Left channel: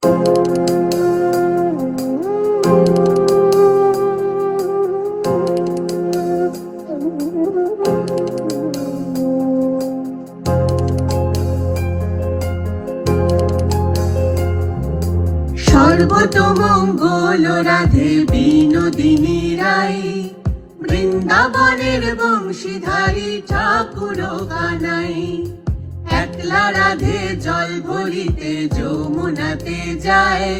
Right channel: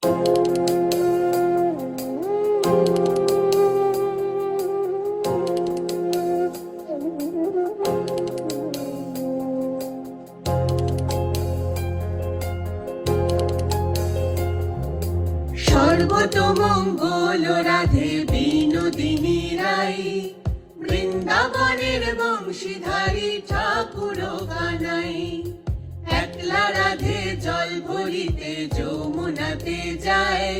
সর্বতমঙ্গল রাধে বিনোদিনী রায়, বৃন্দাবনের বংশীধারী ঠাকুর কানাই। একলা রাধে জল ভরিতে যমুনাতে যায়,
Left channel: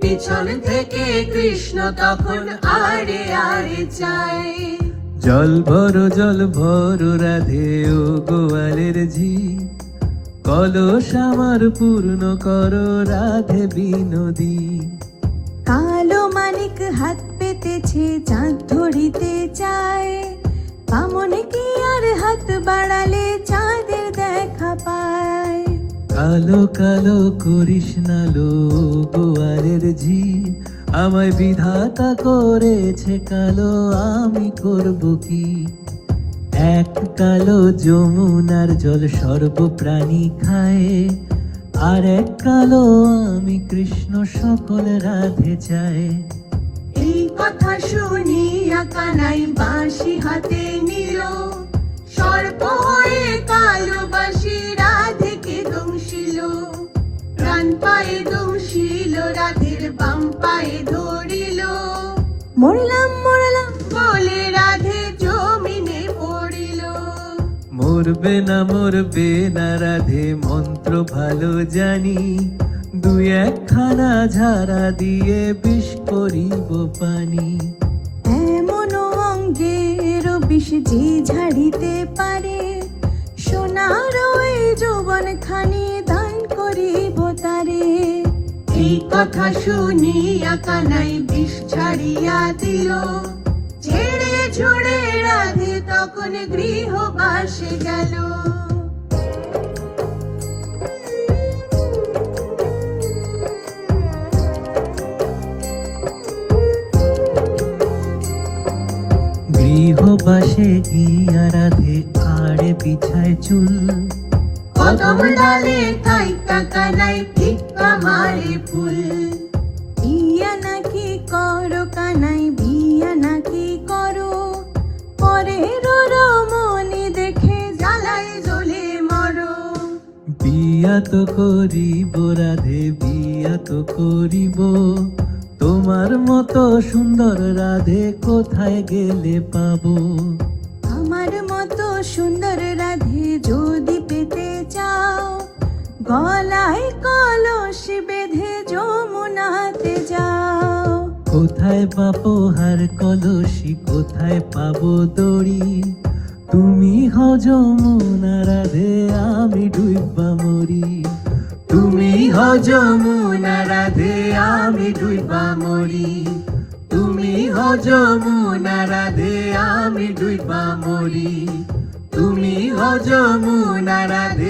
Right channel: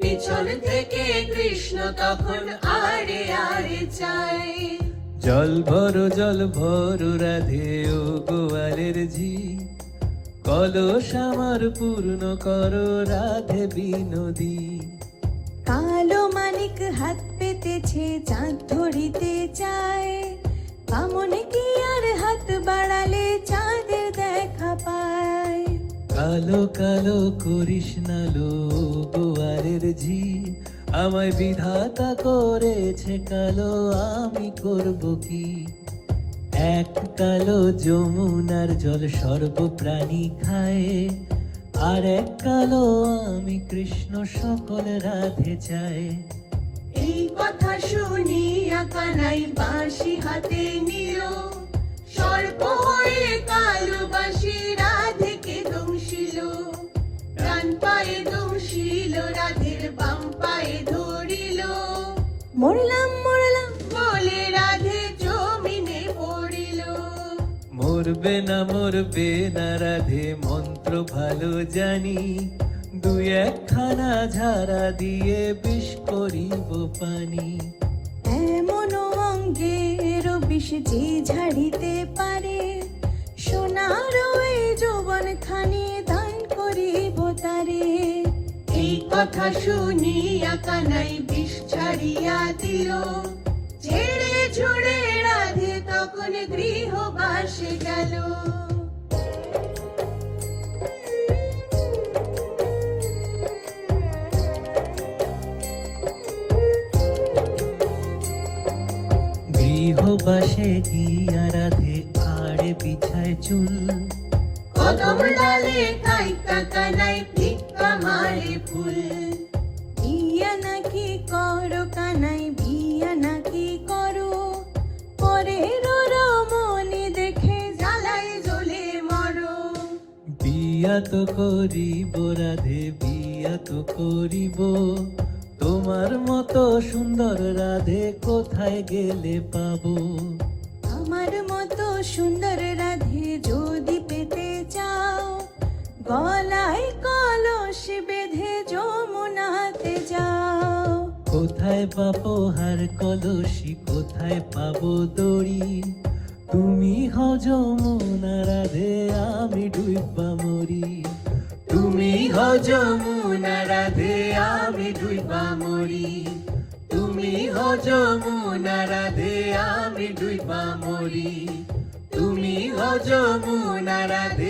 পিছন থেকে কৃষ্ণ তখন আরে আরে চায়। জল ভর রাধে ও গোয়ালের ঝি, কলস আমার পূর্ণ করো রাধে বিনোদী। কালো মানিক হাত পেতেছে চাঁদ ধরিতে চায়, বামন কি আর হাত বাড়ালে চাঁদের দেখা পায়। কালো কালো করিস না লো গোয়ালের ঝি, আমায় বিধাতা করেছে কালো, আমি করব কি? এক কালো যমুনার জল সর্বপ্রাণী খায়, আর এক কালো আমি কৃষ্ণ সকল রাধে চায়। এই কথা শুনিয়া কানাই বাঁশি হাতে নিল, সর্প হয়ে কালো বাঁশি রাধেকে দংশিল। ডান পায়ে দংশিল, রাধের বাম পায়ে ধরিল। মরলাম মরলাম বলে রাধে জমিনে পড়িল। মরবে না রাধে মন্ত্র ভালো জানি, দুই একখানা ঝাড়া দিয়ে বিষ করিব পানি। এমন অঙ্গের বিষ যে ঝাড়িতে পারে, সোনার ওই যৌবন খানি দান করিব তারে। এই কথা শুনিয়া কানাই বিষ ছাড়িয়া দিল, ঝেড়ে ঝুড়ে রাধে তখন গৃহবাসে গেল। গৃহবাসে গিয়া রাধে আড়ে বিছায় চুল, কদম ডালে থাইকা কানাই ভিক্ষা মারে ফুল। বিয়া নাকি করো কানাই বিয়া নাকি করো, পরের রমণী দেখে জ্বালায় জ্বলে মরো। বিয়া তো করিব রাধে বিয়া তো করিব, তোমার মতো সুন্দর রাধে কোথায় গেলে পাবো? আমার মতো সুন্দর রাধে যদি পেতে চাও, গলায় কলস বেঁধে যমুনাতে যাও। কোথায় পাবো হার কলসি, কোথায় পাবো দড়ি? তুমি হও যমুনা রাধে, আমি ডুইবা মরি। তুমি হও যমুনা রাধে, আমি ডুইবা মরি। তুমি হও যমুনা রাধে, আমি ডুইবা মরি। তুমি হও যমুনা রাধে,